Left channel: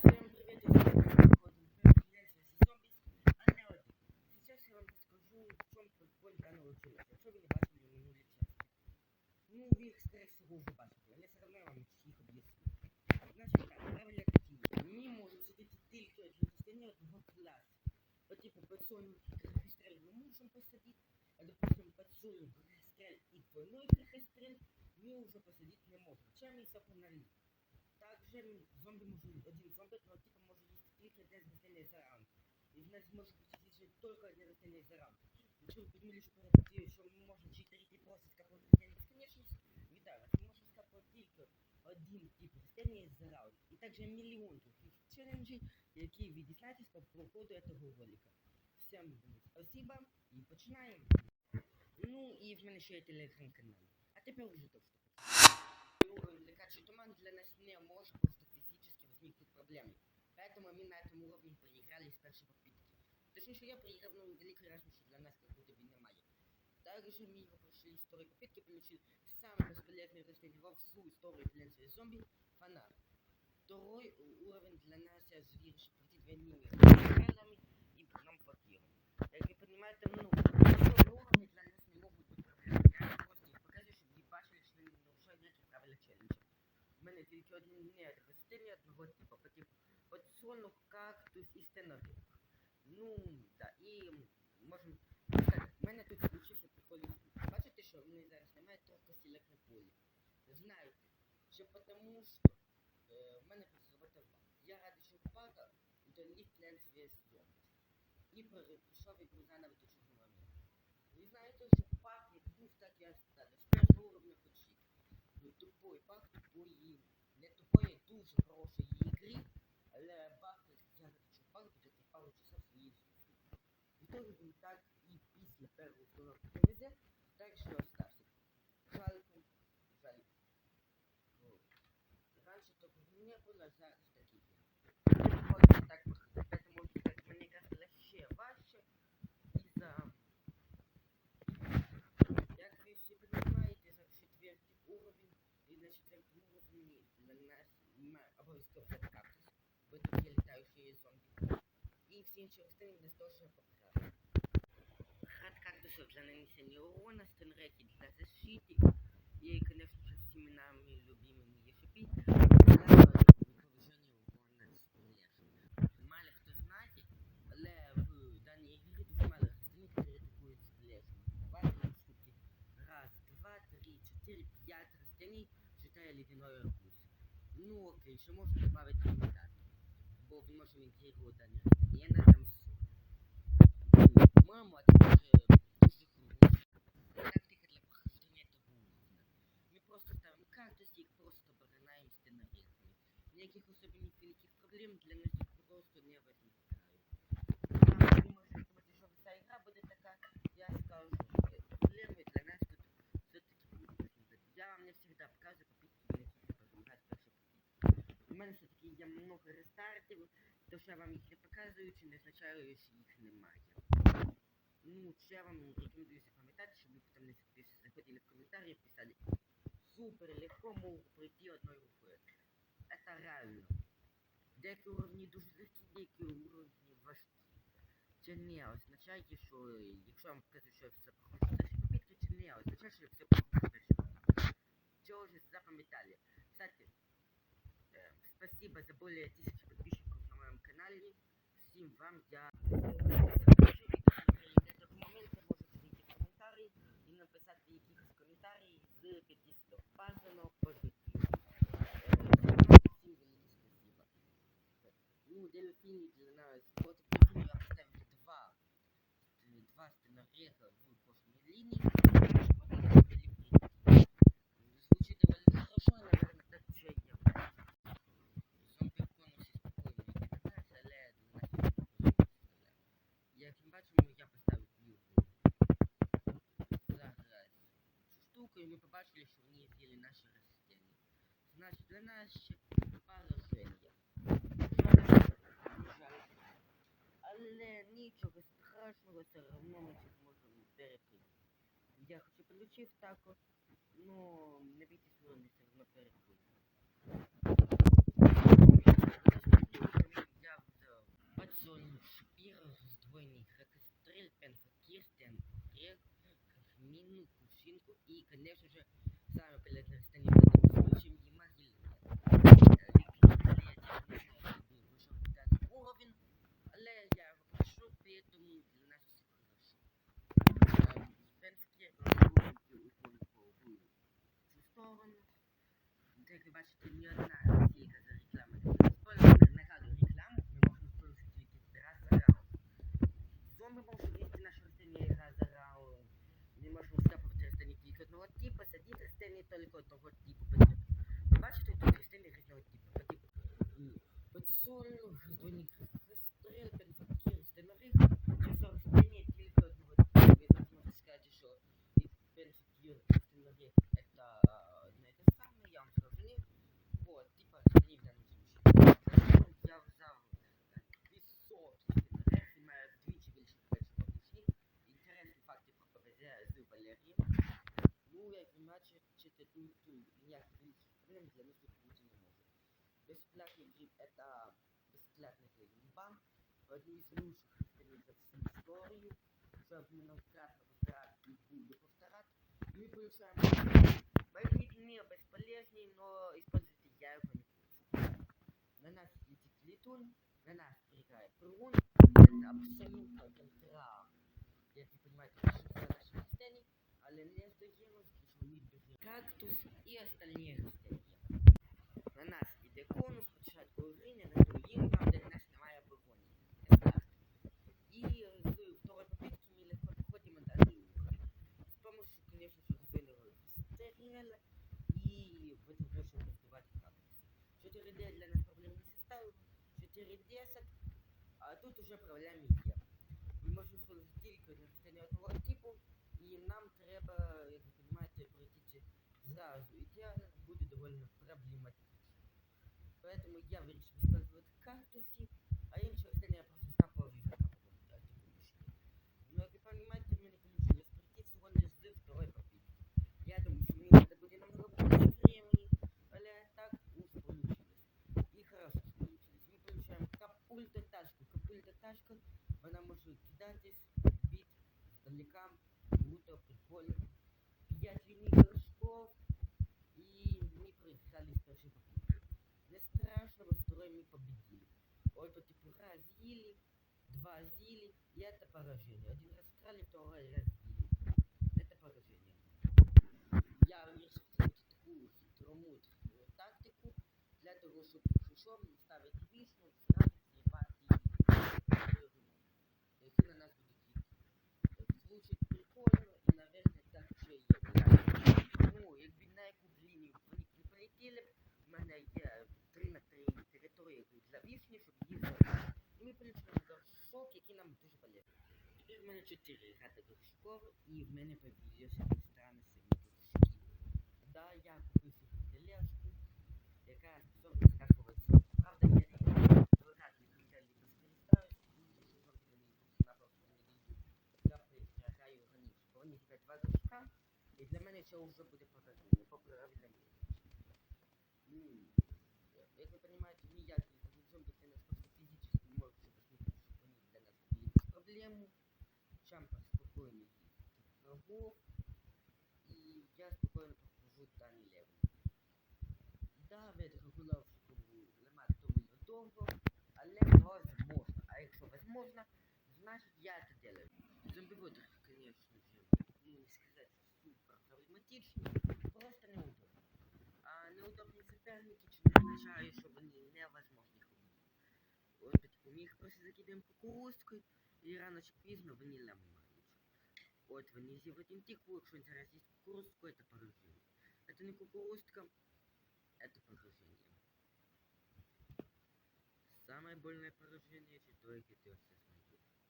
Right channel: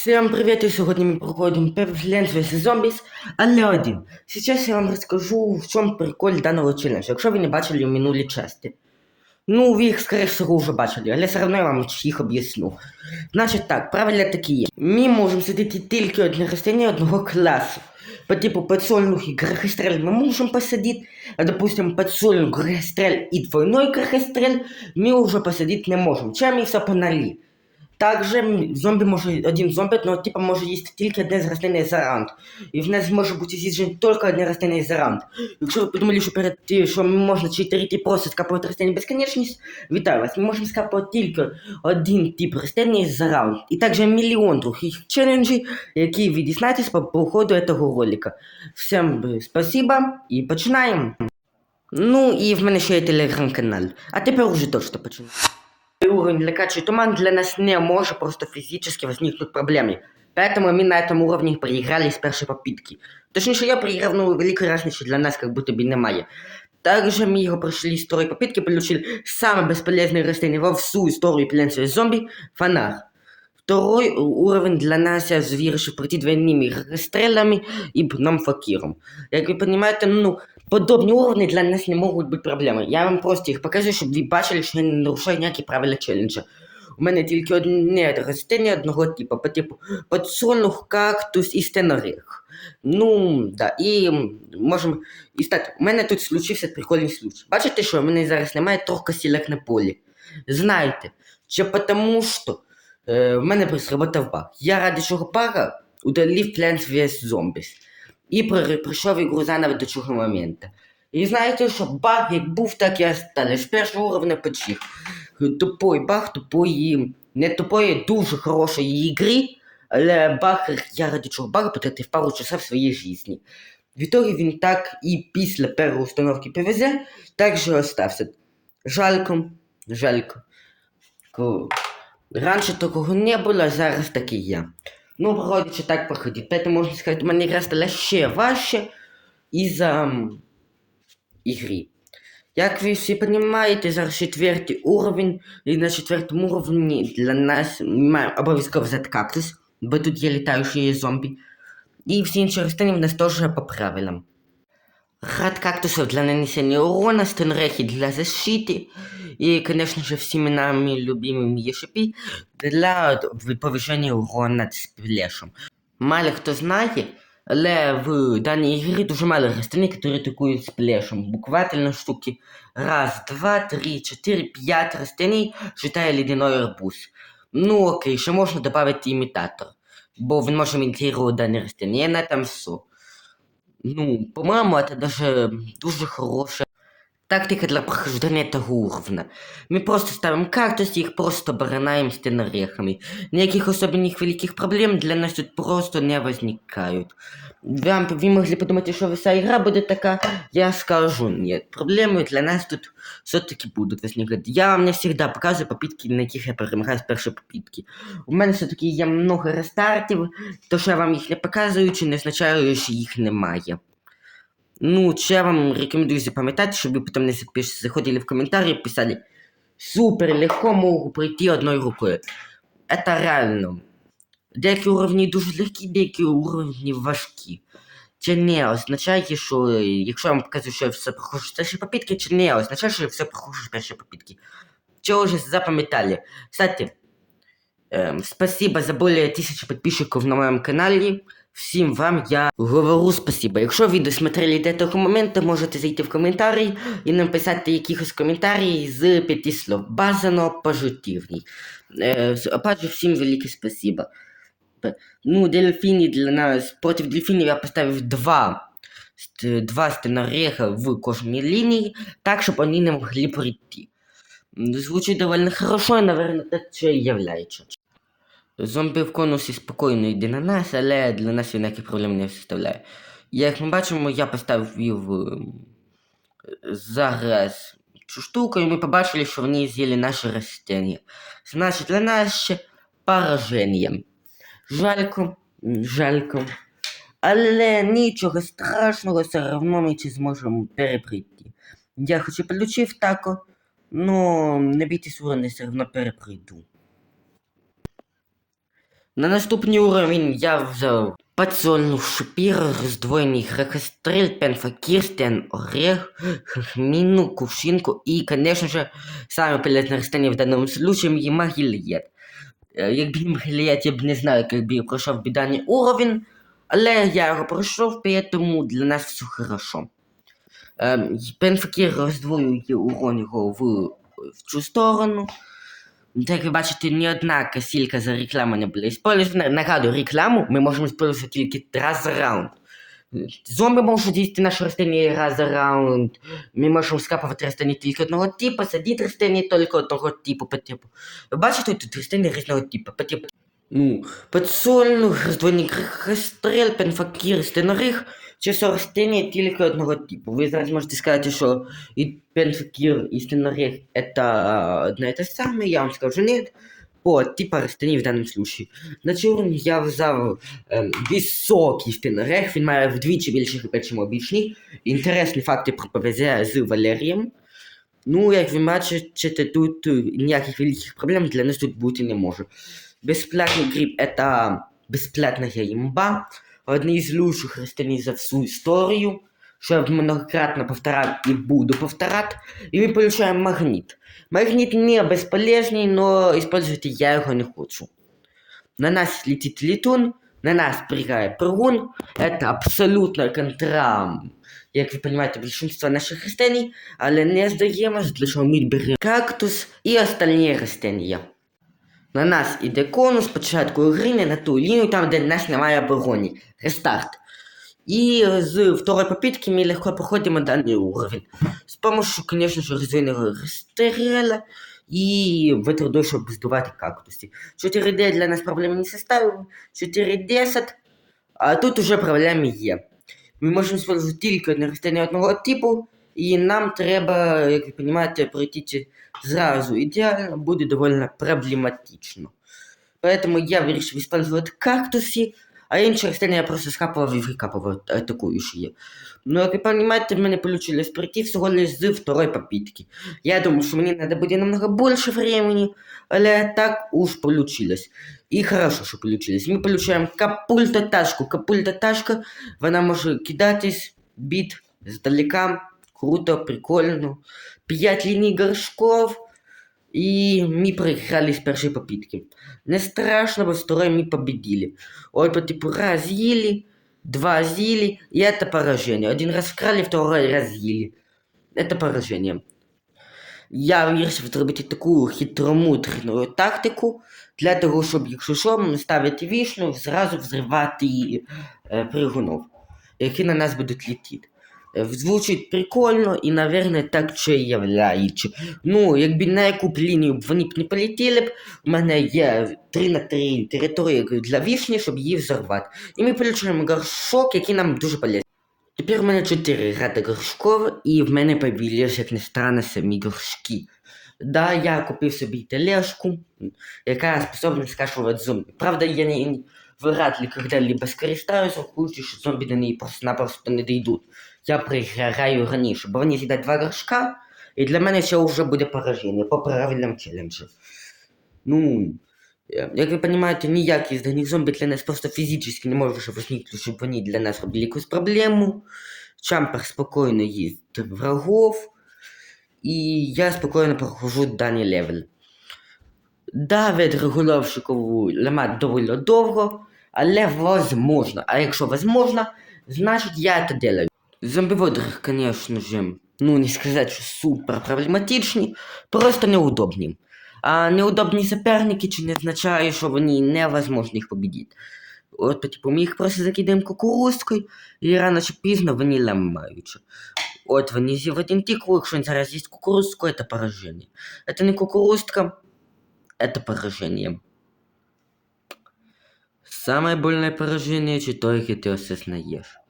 Всем привет! И сегодня мы проходим Plants vs Zombies, але один. Сейчас я вам расскажу, в чем прикол данного челенджа, якщо ви не бачили в минулій часті. Ну, ви їх, скоріше всього, вже бачили, але все одно я вам їх об'ясню. Значить так, правила такі є. Ми можемо сидіти тільки одне рослини одного класу. По типу подсольных и грохострель мы можем посадить, а допустим подсольную грохострель и двойной грохострель мы уже посадить не можем. Чем і все понали. Также зомбі може, один зомбі, ну, типа, може їсти тільки одне з рослини за раунд. І в нас може бути з'їджено тільки одне рослини за раунд. Якщо ви подумали, що перед що можна читерити просто скапувати рослини безконечність, вітаю вас. Ми можемо скапувати тільки один тип рослини за раунд. І також мільйон других челенджів, які ви дізнаєтесь по проходу цього ролика. Всім спасибо і починаємо. Ну і в мене ще є телеграм-канал. А тепер уже точно починаємо уровень летачий туман для нас не может просто физически возникнуть проблемы. Поэтому мы на этом уровне проиграли с первой попытки. Точнее, я проиграл, ну, великой разницы для нас как будто бы немає. Также мы его прошли с второй попытки, получили самый бесполезный растение во всю историю Plants vs зомби – фонарь. Второй уровень для нас я вирішив пройти двойными расстрелами и нам факиром. Як ви розумієте, ну, подобні уровні для нас не можуть бути проблемою. Я вам просто їх покажу, щоб ви бачили, що я не нарушаю ніякі правила челенджа. У мене тільки одне ростення одного типу, по типу подсолнух, кактус і стенорех. Ну, да, і можемо. І стати, у мене тут случився прикольний случай. Бачите, що в мене зараз немає трохи сілок на полі. Знаєте, що потому що е, в мене сработав баг. Я ради цього бага удалив Plants vs Zombies. І при- прийшов ігру заново до цього моменту. І знаєте, що баг як був, так і осталось. З першого уровня почив. Тупой баг, тупої, не тупої, дуже хорошої ігри, але баг, я ради цього бага потратив пару часов своєї житті. В ітогі він так і після першої установки ПВЗ так же остався. Жалько, жалько. Раніше такого не було, а зараз так і є. Ну, проходячи так проходить. Поэтому можна сказати, у мене гра стала ще важче із-за м, ігри. Як ви всі розумієте, зараз четвертий уровень, і на четвертому уровні для нас обов'язково взяти кактус, бо тут є літаючі зомбі. І всі інші рослини в нас теж по правилам. Рад кактусов для нанесения урона, стенрехи для защиты и, конечно же, всеми нами любимыми ешипи для повышения урона сплешем. Мало хто знає, але в даній ігрі дуже мало рослин, які атакують сплешем. Буквально штуки раз, два, три, чотири, п'ять рослин, считая ледяной арбуз. Ну окей, ще можна додати імітатор, бо він може імітувати дані рослини, і на этом все. Ну, по-моему, это даже дуже хорошая тактика для прохождения этого уровня. Мы просто ставим кактус и их просто баранаем стенорехами. Никаких особенных великих проблем для нас тут просто не возникают. Вам, вы могли подумать, что вся игра будет такая, я скажу, нет. Проблемы для нас тут все-таки будут возникать. Я вам не всегда показываю попытки, на яких я перемагаю з першої попитки. У мене все-таки є много рестартів, то що я вам їх не показую, чи не означає, що їх немає. Ну, чи я вам рекомендую запам'ятати, щоб ви потім не запиш- заходили в коментарі і писали Супер, легко можу пройти одною рукою. Это реально. Деякі уровні дуже легкі, деякі уровні важкі. Це не означає, що е, якщо я вам показую, що я все проходжу з першої попитки, це не означає, що я все проходжу з першої попитки. Це вже запам'ятали. Кстати, эм, спасибо за более тысячи подписчиков на моем канале. Всім вам я говорю спасибо. Якщо ви досмотрели до того моменту, можете зайти в коментарі і написати якихось коментарій з п'яти слов. Бажано пожитівний. Е, опять всім велике спасибо. Ну, дельфіни для нас. Проти дельфінів я поставив два. Два стенореха в кожній лінії, так, щоб вони не могли прийти. Звучить довольно хорошо, і, наверное, так це і являється. Зомбі в конусі спокійно йде на нас, але для нас він ніяких проблем не составляє. Як ми бачимо, я поставив ем, зараз цю штуку, і ми побачили, що вони з'їли наші растення. Значить, для нас ще пораження. Жалько, жалько. Але нічого страшного, все одно ми це зможемо переприйти. Я хоч і получив тако, но не бійтесь я все одно переприйду. На наступний уровень я взяв подсольну шипір, роздвоєний грехострель, пенфакірстен, орех, хахміну, кувшинку і, конечно же, саме полезне растение в даному случае є магілієт. Е, Якби не магілієт, я б не знаю, як би я пройшов би даний уровень, але я його пройшов, поэтому для нас все хорошо. Ем, Пенфакір роздвоює урон його в, в цю сторону. Як ви бачите, ні одна касілька за рекламу не була использована. Нагадую, рекламу ми можемо використовувати тільки раз за раунд. Зомби можуть їсти наші растение раз за раунд. Ми можемо скапувати растення тільки одного типу, садити растення тільки одного типу по типу. Ви бачите, тут растення різного типу, по типу. Ну, подсольну, роздвойник стрел, пенфакір, стенорих, чи все растення тільки одного типу. Ви зараз можете сказати, що и пенфакир, и стенорех это а, одно и то самое, я вам скажу нет. По типа растений в даному случае. На чорні я взяв ем, високий стенорех, він має вдвічі більше хп, ніж обічний. Інтересні факти про ПВЗ з Валерієм. Ну, як ви бачите, тут ніяких великих проблем для нас тут бути не може. Бесплатный гриб это бесплатная имба. Одни из лучших растений за всю историю. Що я многократно повторял и буду повторять. И мы получаем магнит. Магнит не бесполезный, но использовать я его не хочу. На нас летит летун, на нас прыгает прыгун. Это абсолютно контра, як ви понимаете, большинство наших растений. Але не здаємось, для чого ми беремо кактус і остальні растения. На нас іде конус, спочатку гри на ту лінію, там, де нас немає оборони. Рестарт. І з второй попитки ми легко проходимо даний уровень. З помощью, конечно же, розвиненого рестерела і ветродой, щоб здувати кактуси. 4D для нас проблеми не составив, 410, а тут уже проблеми є. Ми можемо використовувати тільки одне растення одного типу, і нам треба, як ви розумієте, пройти зразу ідеально буде доволі проблематично. Поэтому я вирішив использовать кактуси, а інші растения я просто скапував і викапував атакуючі. Ну, як ви розумієте, в мене получилось пройти всього лиш з второй попитки. Я думаю, що мені треба буде намного більше времени, але так уж получилось. І хорошо, що получилось. Ми получаємо капульта-ташку. Капульта-ташка, вона може кидатись, бит здалека. Круто, прикольно. 5 линий горшков, и мы проиграли с первой попытки. Не страшно, во второй мы победили. Ой, по типу раз ели, два з'ели, и это поражение. Один раз вкрали, второй раз ели. Это поражение. Я вирішив зробити таку хитромутрну тактику для того, щоб, якщо що, ставити вішну, зразу взривати е, пригунов, які на нас будуть летіти. Е, Звучить прикольно і, наверное, так чи являючи. Ну, якби на яку б лінію б вони б не полетіли б, у мене є 3 на 3 території для вішні, щоб її взорвати. І ми получаємо горшок, який нам дуже полезний. Тепер у мене 4 ряди горшков, і в мене появились, як не странно, самі горшки. Да, я купив собі тележку, яка способна скашувати зомбі. Правда, я не вряд ли когда-либо скористаюсь, враховуючи, що зомбі до неї просто-напросто не дійдуть. Я приграю раніше, бо вони з'їдять два горшка, і для мене це вже буде пораження по правильному челенджу. Ну, е, як ви розумієте, ніякий з даних зомбі для нас просто фізично не може возникнути, щоб вони для нас робили якусь проблему. Чампер спокійно їсть врагов, і я спокійно прохожу даний левел. Да, від регулировщикову ламати доволі довго, але возможно. А якщо возможно, значить я это делаю. Зомбиводеры, конечно же, ну не сказать, что супер проблематичні, просто неудобні. А неудобні соперники чи не означає, що вони невозможно їх победити. От, типу, ми їх просто закидаємо кукурузкою, і рано чи пізно вони ламаються. От вони з'їв один тикву, якщо він зараз їсть кукурузку, це пораження. Це не кукурузка, это поражение. Самое больное поражение, чи яке ти осознаєш.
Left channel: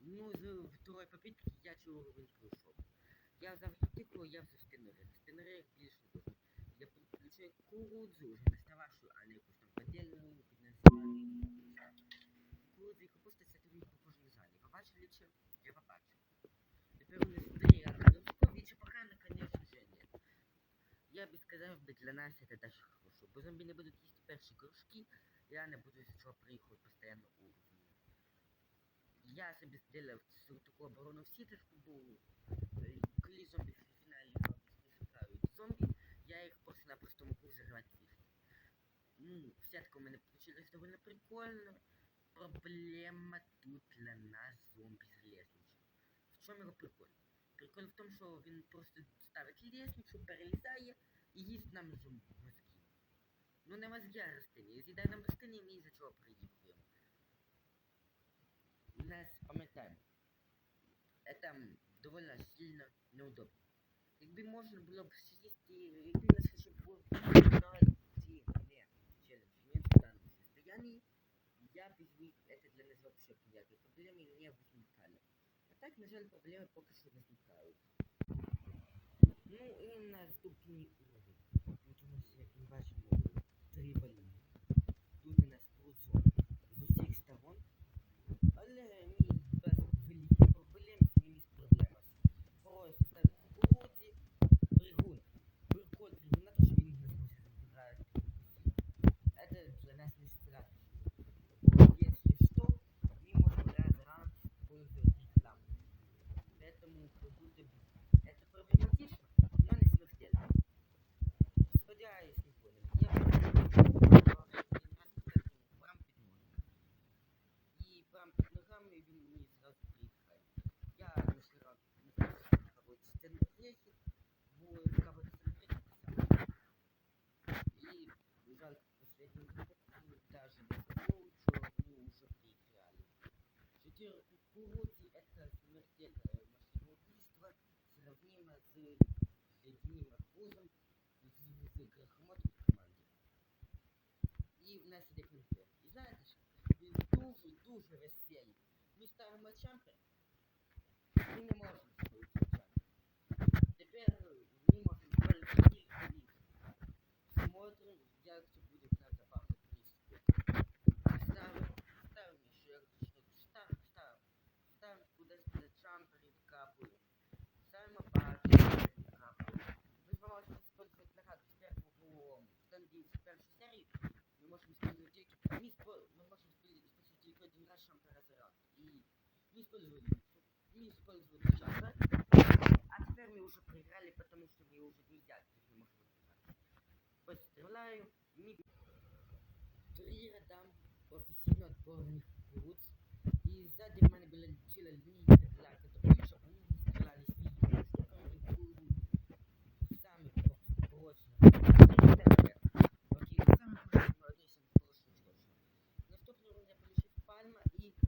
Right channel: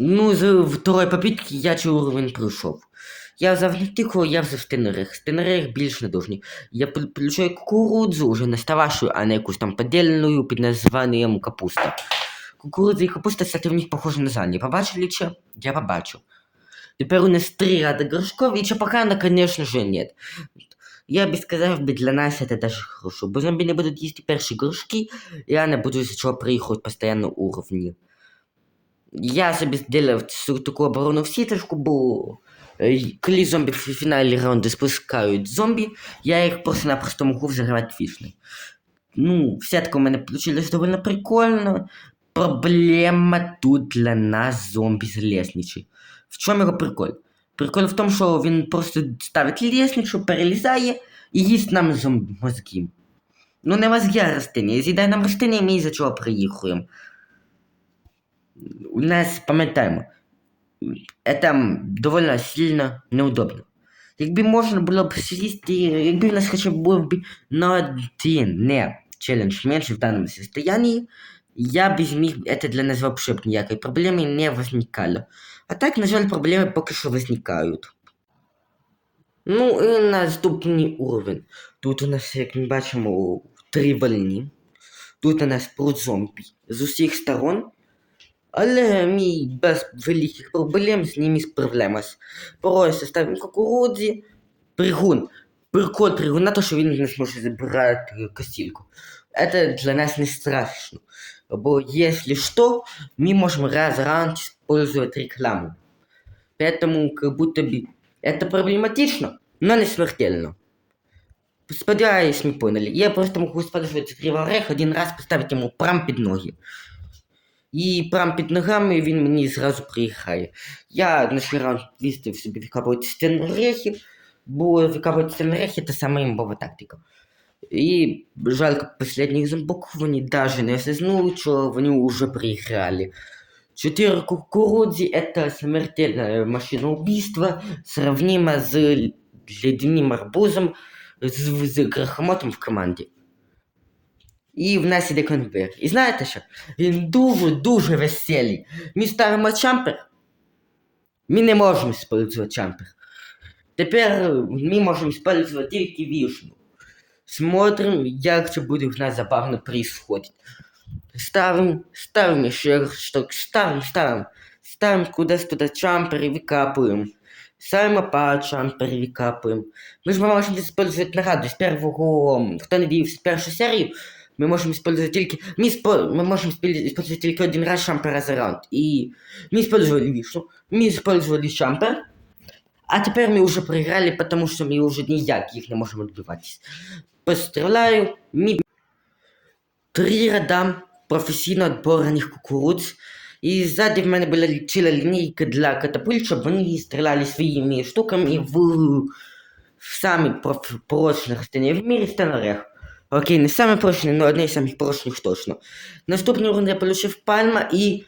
Ну, з второй попитки я цей уровень пройшов. Я взяв не я взяв стенерех. Стенерех більш недовжний. Я получаю кукурудзу, уже настававшую, а не якусь там подільну під названням капуста. Кукурудза і капуста, кстати, в них похожі на зелені. Побачили че? Я побачив. Тепер у нас три ряда горшков, и чапахана, конечно же, нет. Я би сказав би, для нас це даже хорошо, бо зомбі не будуть їсти перші горшки, і я не буду з чого приїхати постійно уровні. Я собі зробив цю таку оборону в сіточку, бо е, коли зомбі в фіналі раунду спускають зомбі, я їх просто-напросто можу взривати фішни. Ну, сетка у мене получилась довольно прикольно. Проблема тут для нас зомбі з лестничі. В чому його прикол? Прикол в тому, що він просто ставить лестницю, перелізає і їсть нам зомбі мозги. Ну, не мозги, а растения. З'їдає нам растения, і ми із-за чого приїхаємо. У нас, пам'ятаємо, це доволі сильно неудобно. Якби можна було б сісти, якби у нас хоча б був би на один не челлендж менше в даному состоянии, я бы зміг, это для нас вообще б ніякої проблеми не возникало. А так, на жаль, проблеми поки що возникають. Ну і наступний уровень. Тут у нас, як ми бачимо, три вольні. Тут у нас про зомбі з усіх сторон. Але ми без великих проблем з ними справляємось. Просто ставимо кукурудзі, бригун. Прикол пригуна, то що він не зможе забирати косильку. Это для нас не страшно. Бо если что, мы можем раз в раунд использовать рекламу. Поэтому как будто бы это проблематично, но не смертельно. Сподіваюсь, ми поняли. Я просто можу использовать криворех один раз поставити йому прям під ноги. І прям під ногами він мені зразу приїхає. Я на свій раунд виставив собі викапувати стенрехи, бо викапувати стенрехи це саме імбова тактика. І жалко последніх зомбоків вони даже не осознули, що вони вже проіграли. Четыре кукурудзи – это смертельная машина убийства, сравнима с ледяным арбузом з, з грохомотом в команді. І в нас іде конвейер. І знаєте що? Він дуже-дуже веселий. Ми ставимо чампер. Ми не можемо використовувати чампер. Тепер ми можемо використовувати тільки вішну. Смотрим, як це буде в нас забавно происходить. Ставим, ставим еще штук, ставим, ставим. Ставим куда-то туда чампер и выкапываем. Ставим опа, чампер и выкапываем. Мы же можем использовать награду с первого, кто надеется, первую серию, мы можем использовать только, мы, испо- мы можем использ- использовать только один раз чампера за раунд. И мы использовали вишну, мы использовали чампер, а теперь мы уже проиграли, потому что мы уже никак их не можем отбивать. Постріляю, мі... Три ряда професійно відбораних кукурудз. І ззаді в мене була ціла лінійка для катапульт, щоб вони стріляли своїми штуками в, в самі проф... порочних стані в мірі стенорех. Окей, не саме порочні, але одне з самих порочних точно. Наступний раунд я получив пальма і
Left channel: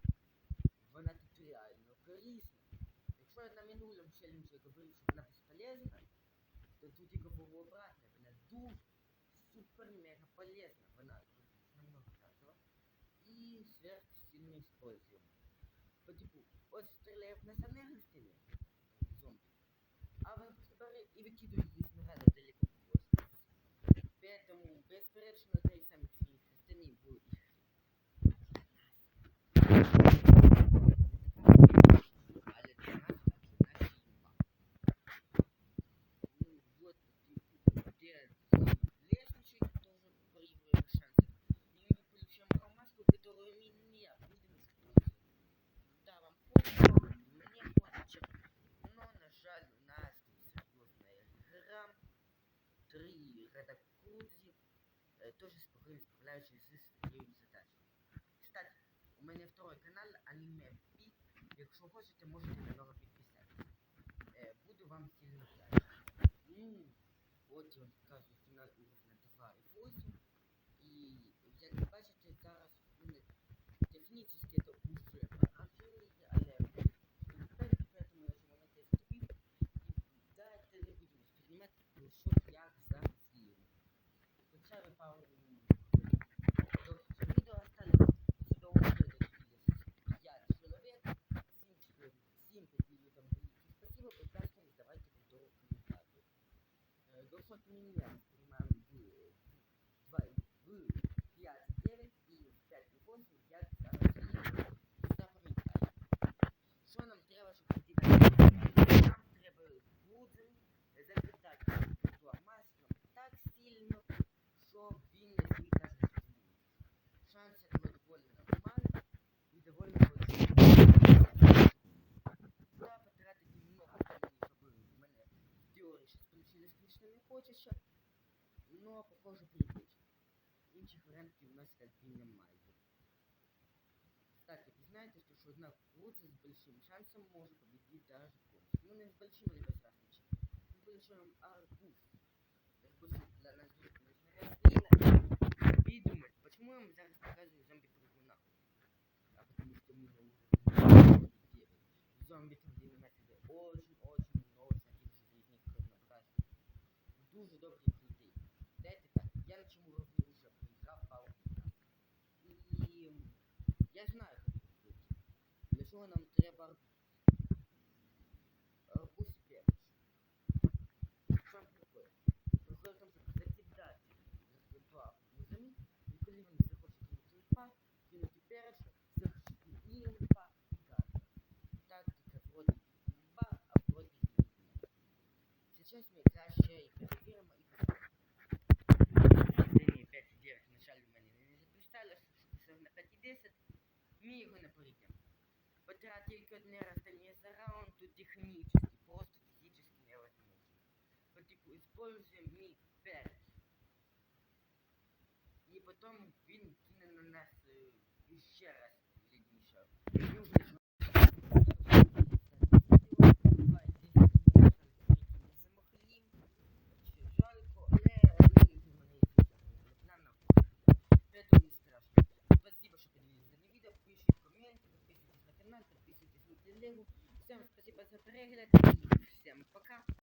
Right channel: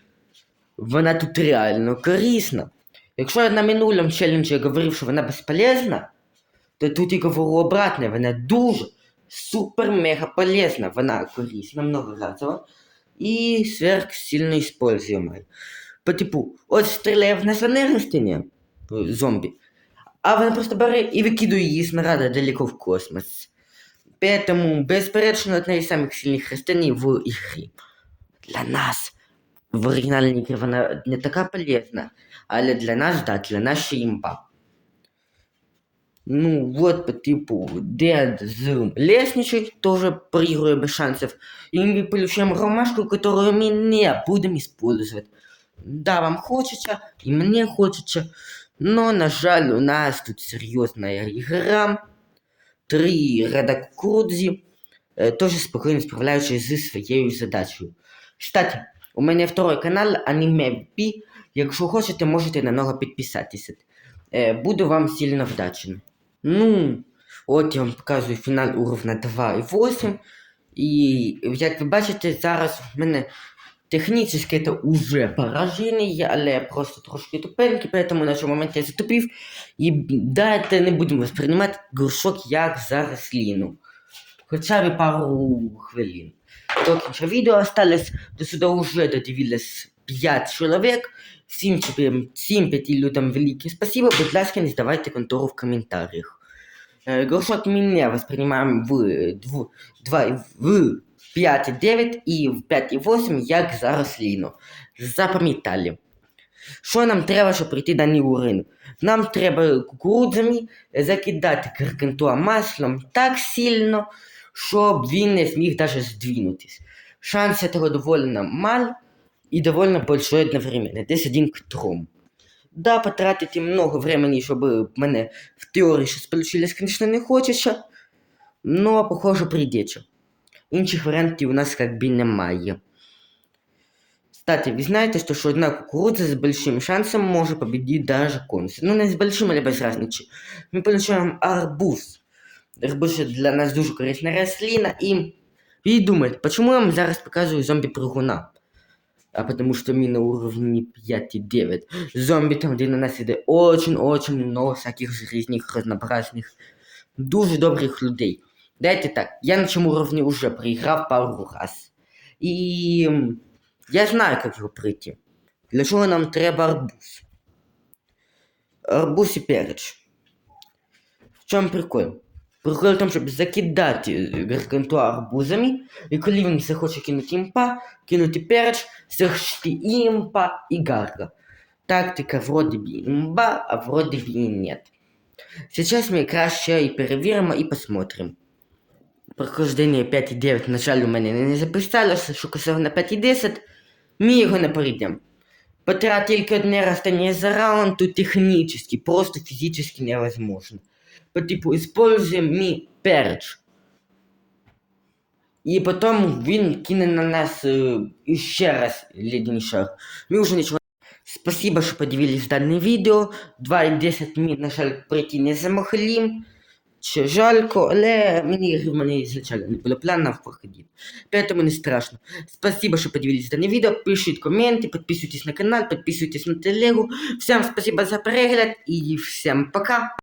вона тут реально корисна. Якщо я на минулому челенджі говорив, що вона безполезна, то тут я говорю обратне, вона дуже супер-мега полезна, вона корисна, многоразово і сверхсильно используемая. По типу, от стріляє в нас на зомбі, а вона просто бере і викидує її снаряда далеко в космос. Поэтому, безперечно, одна із самих сильних растений в ігрі. Для нас в оригінальній ігрі вона не така полезна, але для нас, да, для нас ще імба. Ну, вот по типу Dead з лестничек тоже проигрываем без шансов. И мы получаем ромашку, которую мы не будем использовать. Да, вам хочется, и мне хочется, но, на жаль, у нас тут серьезная игра. Три ряда э, тоже спокойно справляючись зі своєю задачею. Кстати, у мене второй канал Anime B. Якщо хочете, можете на нього підписатися. Е, Буду вам сильно вдячен. Ну, от я вам показую фінал уровня 2.8. І як ви бачите, зараз в мене технічно це уже пораження, але просто трошки тупенький, поэтому на цьому моменті я затупив. І дайте не будемо сприймати горшок як за рослину. Хоча б пару хвилин. До кінця відео осталось, до сюди вже додивилось 5 чоловік. Всім, всім п'яти людям велике спасибо. Будь ласка, не здавайте контору в коментарях. Е, Горшок ми воспринимаем в, дв- два, в 5.9 і в 5.8 як за рослину. Запам'ятали. Що нам треба, щоб пройти даний уровень? Нам треба кукурудзами закидати Гаргантуа маслом так сильно, щоб він не зміг даже здвинутись. Шанс этого довольно мал и довольно большой одновременно, десь один к трьом. Да, потратити много времени, щоб в мене в теорії щось получилось, конечно, не хочеться, но, похоже, прийдеться. Інших варіантів у нас как би немає. Кстати, вы знаете, что, что одна кукуруза с большим шансом может победить даже конус. Ну, не с большим, или без разницы. Мы получаем арбуз. Арбуз це для нас дуже корисна рослина. І, і думаєте, почему я вам зараз показую зомбі-прыгуна? А потому что мы на уровне 5,9. Зомби там, где на нас іде очень-очень много всяких різних разнообразних, дуже добрих людей. Дайте так, я на цьому уровні уже проіграв пару раз. М, я знаю, як його пройти. Для чого нам треба арбуз? Арбуз і переч. В чому прикол? Прикол в тому, щоб закидати гаргантуа арбузами, і коли він захоче кинути імпа, кинути переч, захочти і імпа, і гарга. Тактика вроде би имба, а вроде бы и нет. Сейчас мы краще і перевіримо і посмотрим. Прохождення 5.9 на у мене не записалося, що косив на 5.10, ми його не пройдемо. Потратить тільки одне растение за раунд, то технически, просто физически невозможно По типу, используем ми переч. І потім він кине на нас е, ще раз ледяний шар. Ми вже нічого. Спасибо, що подивились данное відео. 2.10 ми, на жаль, пройти не замогли. Чи жалько, але мені в мене ізначально не було планів проходити. Поэтому не страшно. Спасибо, что подивились данное видео. Пишите комменты, подписывайтесь на канал, подписывайтесь на телегу. Всем спасибо за перегляд и всем пока.